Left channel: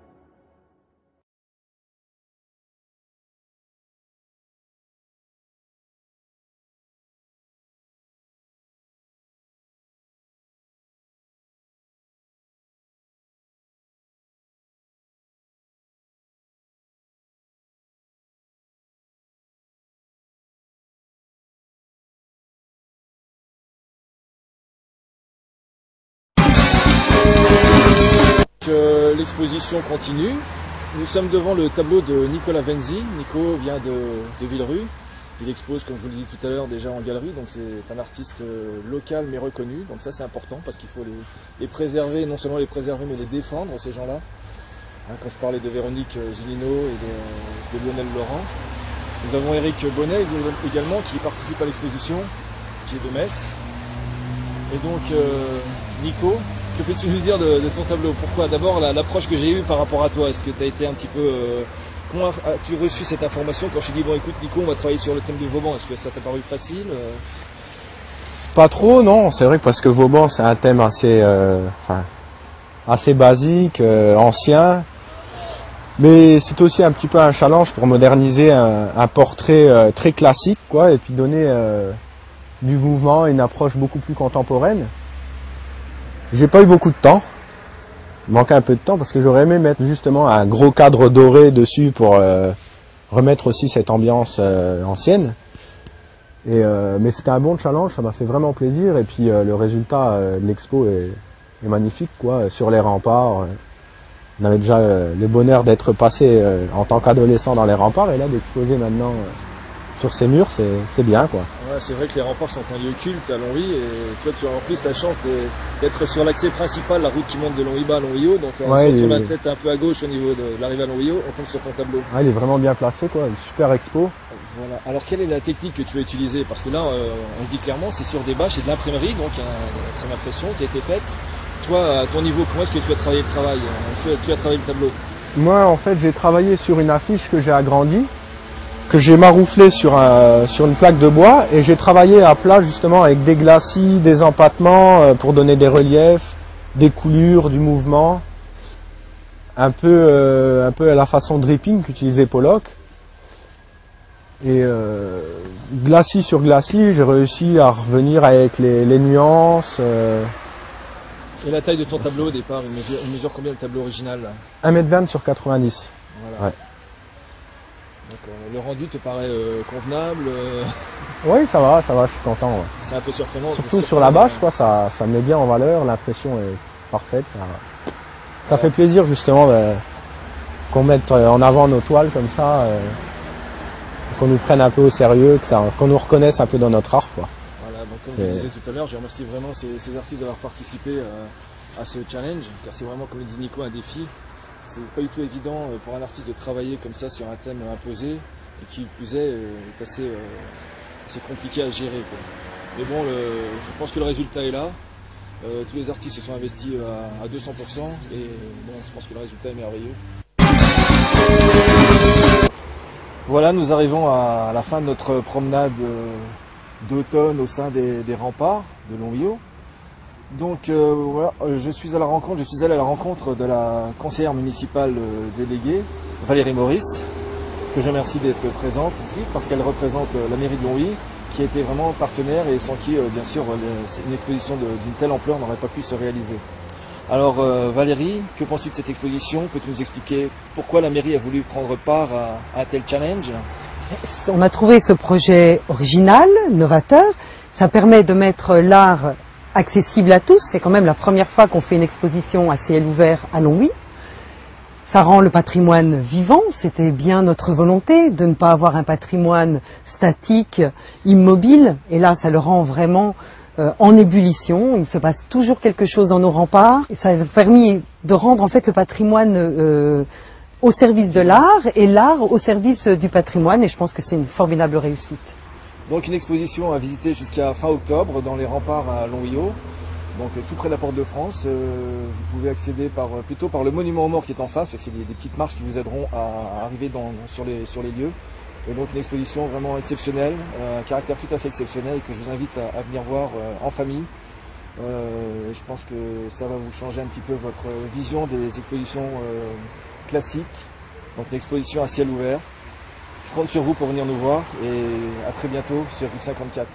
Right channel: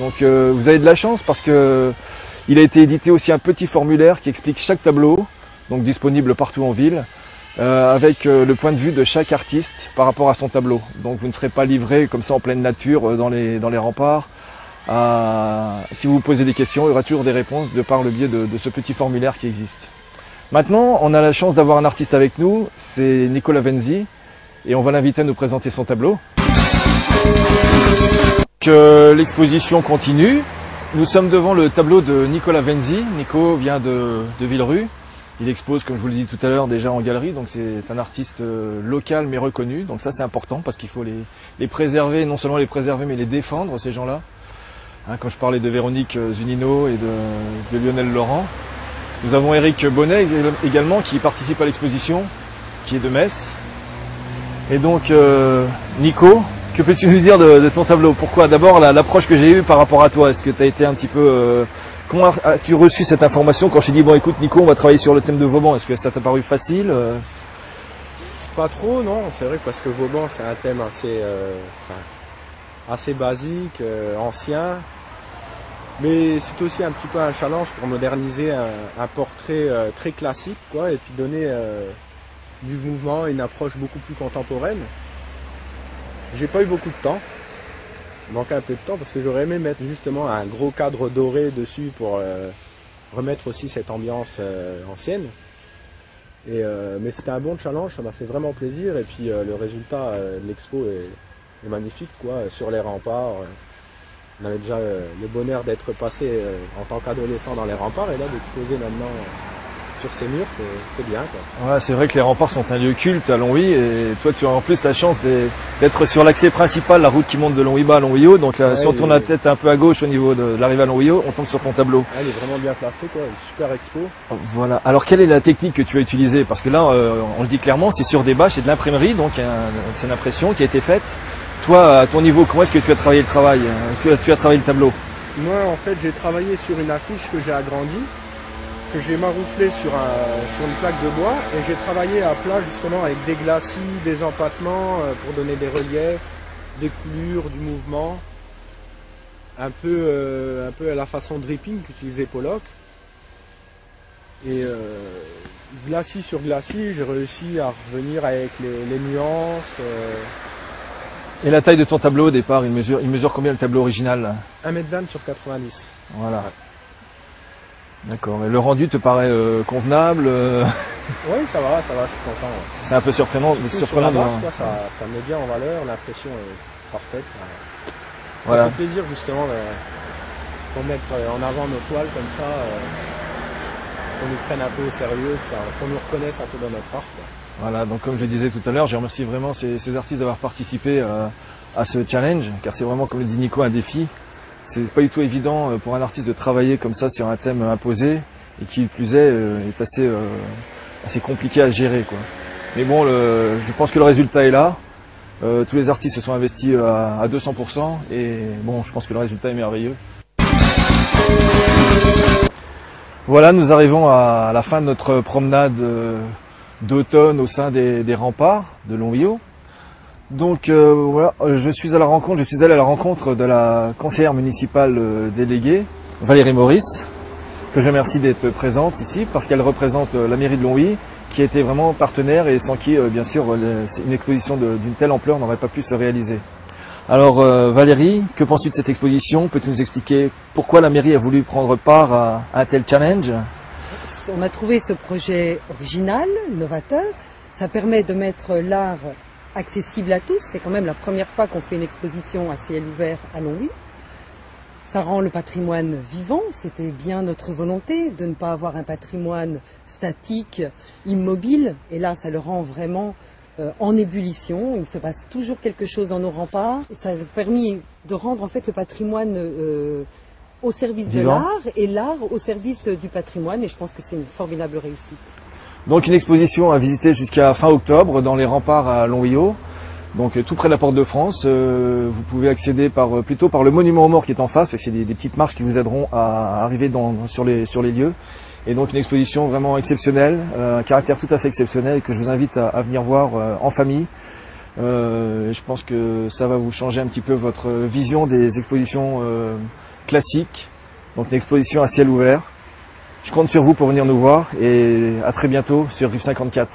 Donc vous avez de la chance parce que il a été édité aussi un petit formulaire qui explique chaque tableau, donc disponible partout en ville, avec le point de vue de chaque artiste par rapport à son tableau. Donc vous ne serez pas livré comme ça en pleine nature dans les remparts. Si vous vous posez des questions, il y aura toujours des réponses de par le biais de ce petit formulaire qui existe. Maintenant, on a la chance d'avoir un artiste avec nous, c'est Nicola Venzi, et on va l'inviter à nous présenter son tableau. L'exposition continue. Nous sommes devant le tableau de Nicola Venzi. Nico vient de Villerue. Il expose, comme je vous l'ai dit tout à l'heure, déjà en galerie, donc c'est un artiste local mais reconnu. Donc ça c'est important parce qu'il faut les préserver, non seulement les préserver mais les défendre, ces gens-là. Quand je parlais de Véronique Zunino et de Lionel Laurent. Nous avons Eric Bonnet également qui participe à l'exposition, qui est de Metz. Et donc Nico, que peux-tu nous dire de ton tableau? Pourquoi? D'abord l'approche que j'ai eue par rapport à toi. Est-ce que tu as été un petit peu... comment as-tu reçu cette information quand je t'ai dit, bon écoute Nico, on va travailler sur le thème de Vauban? Est-ce que ça t'a paru facile? Pas trop, non. C'est vrai que parce que Vauban c'est un thème assez basique, ancien. Mais c'est aussi un petit peu un challenge pour moderniser un portrait très classique, quoi, et puis donner du mouvement et une approche beaucoup plus contemporaine. J'ai pas eu beaucoup de temps. Il manquait un peu de temps parce que j'aurais aimé mettre justement un gros cadre doré dessus pour remettre aussi cette ambiance ancienne. Mais c'était un bon challenge, ça m'a fait vraiment plaisir. Et puis le résultat de l'expo est magnifique, quoi, sur les remparts. On avait déjà le bonheur d'être passé en tant qu'adolescent dans les remparts et là d'exposer maintenant sur ces murs, c'est bien, quoi. Ouais, c'est vrai que les remparts sont un lieu culte à Longwy et toi tu as en plus la chance d'être sur l'accès principal, la route qui monte de Longwy-Bas à Longwy-Haut. Donc là, si on tourne la tête un peu à gauche au niveau de l'arrivée à Longwy-Haut, on tombe sur ton tableau. Ah, il est vraiment bien placé, quoi, une super expo. Voilà. Alors quelle est la technique que tu as utilisée? Parce que là, on le dit clairement, c'est sur des bâches et de l'imprimerie, donc c'est une impression qui a été faite. Toi, à ton niveau, comment est-ce que tu as travaillé le travail? Tu as travaillé le tableau? Moi, en fait, j'ai travaillé sur une affiche que j'ai agrandie, que j'ai marouflé sur une plaque de bois, et j'ai travaillé à plat justement avec des glacis, des empattements pour donner des reliefs, des coulures, du mouvement, un peu à la façon dripping qu'utilisait Pollock. Et glacis sur glacis, j'ai réussi à revenir avec les nuances. Et la taille de ton tableau au départ, il mesure combien le tableau original? 1,20 m sur 90. Voilà. Ouais. D'accord. Mais le rendu te paraît convenable? Oui, ça va, je suis content. Ouais. C'est un peu surprenant. Surtout sur la bâche, quoi, ça met bien en valeur, l'impression est parfaite. Ça fait plaisir justement qu'on mette en avant nos toiles comme ça, qu'on nous prenne un peu au sérieux, qu'on nous reconnaisse un peu dans notre art, quoi. Voilà, donc comme je disais tout à l'heure, je remercie vraiment ces artistes d'avoir participé à ce challenge, car c'est vraiment, comme le dit Nico, un défi. C'est pas du tout évident pour un artiste de travailler comme ça sur un thème imposé, et qui plus est assez compliqué à gérer, quoi. Mais bon, je pense que le résultat est là. Tous les artistes se sont investis à 200%, et bon, je pense que le résultat est merveilleux. Voilà, nous arrivons à la fin de notre promenade d'automne au sein des remparts de Longwy-Haut. Donc voilà, je suis allé à la rencontre de la conseillère municipale déléguée, Valérie Maurice, que je remercie d'être présente ici, parce qu'elle représente la mairie de Longwy, qui a été vraiment partenaire et sans qui, bien sûr, une exposition d'une telle ampleur n'aurait pas pu se réaliser. Alors Valérie, que penses-tu de cette exposition? Peux-tu nous expliquer pourquoi la mairie a voulu prendre part à un tel challenge? On a trouvé ce projet original, novateur. Ça permet de mettre l'art accessible à tous. C'est quand même la première fois qu'on fait une exposition à ciel ouvert à Longwy. Ça rend le patrimoine vivant. C'était bien notre volonté de ne pas avoir un patrimoine statique, immobile. Et là, ça le rend vraiment en ébullition. Il se passe toujours quelque chose dans nos remparts. Et ça a permis de rendre en fait le patrimoine au service de l'art et l'art au service du patrimoine. Et je pense que c'est une formidable réussite. Donc une exposition à visiter jusqu'à fin octobre dans les remparts à Longwy-Haut, donc tout près de la Porte de France. Vous pouvez accéder plutôt par le monument aux morts qui est en face, parce que c'est des petites marches qui vous aideront à arriver sur les lieux. Et donc une exposition vraiment exceptionnelle, un caractère tout à fait exceptionnel que je vous invite à venir voir en famille. Je pense que ça va vous changer un petit peu votre vision des expositions classique, donc une exposition à ciel ouvert. Je compte sur vous pour venir nous voir et à très bientôt sur Rive 54.